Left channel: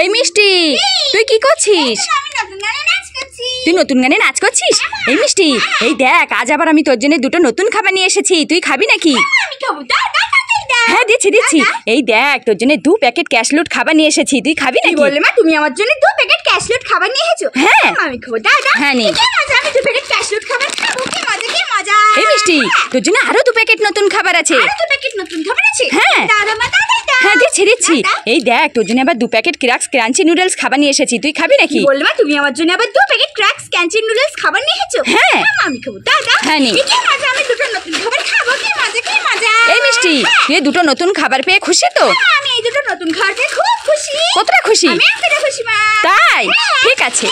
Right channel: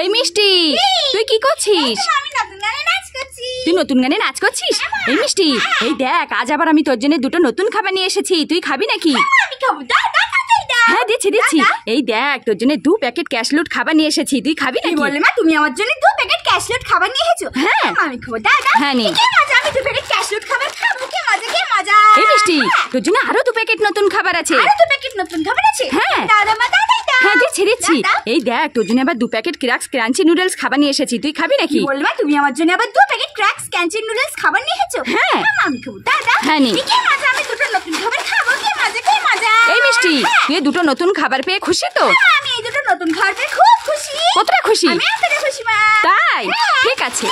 এই মিষ্টি, তুই কি করছিস? তুই নতুন গানে নাচ করছিস? এই মিষ্টি, এই দেখ, আজ আবার আমি তোর জন্য দুটো নতুন খাবার নিয়ে এসেছি। তুই খাবি নাকি? হ্যাঁ, দিচ্ছি দিচ্ছি। এই দেখ, তোর জন্য 2 প্যাকেট ক্যাশলুট খাবার নিয়ে এসেছি। তুই খাবি নাকি? বললে মা, তুমি আমার জন্য 2 প্যাকেট ক্যাশলুট খাবার নিয়ে এসেছো? হ্যাঁ, আমি খাবো। দাদা, হ্যাঁ নে। আমি 2 প্যাকেট ক্যাশলুট খাবার খাবো। কি মজা, কি মজা। এই মিষ্টি, তোর জন্য আরো 2 প্যাকেট নতুন খাবার আছে। আরো 2 প্যাকেট নতুন খাবার আছে? হ্যাঁ দাদা মা, দাদা। হ্যাঁ, দিচ্ছি দিচ্ছি। এই দেখ, তোর জন্য আবার 2 প্যাকেট ক্র্যাক্স ক্রাঞ্চি নুডলস খাবার নিয়ে এসেছি। তুই খাবি নাকি? বললে মা, তুমি আমার জন্য আবার 2 প্যাকেট ক্র্যাক্স ক্রাঞ্চি নুডলস খাবার নিয়ে এসেছো? হ্যাঁ, আমি খাবো। দাদা, হ্যাঁ নে। কি মজা, আমি দুটো নতুন খাবার খাবো। কি মজা, কি মজা। এই মিষ্টি, তুই দুটো নতুন খাবার পেয়ে খুশি তো? আমি এই দুটো নতুন খাবার পেয়ে খুব খুশি। কতটা খুশি? আমি এতটা খুশি মা। তাই? ঠিক আছে।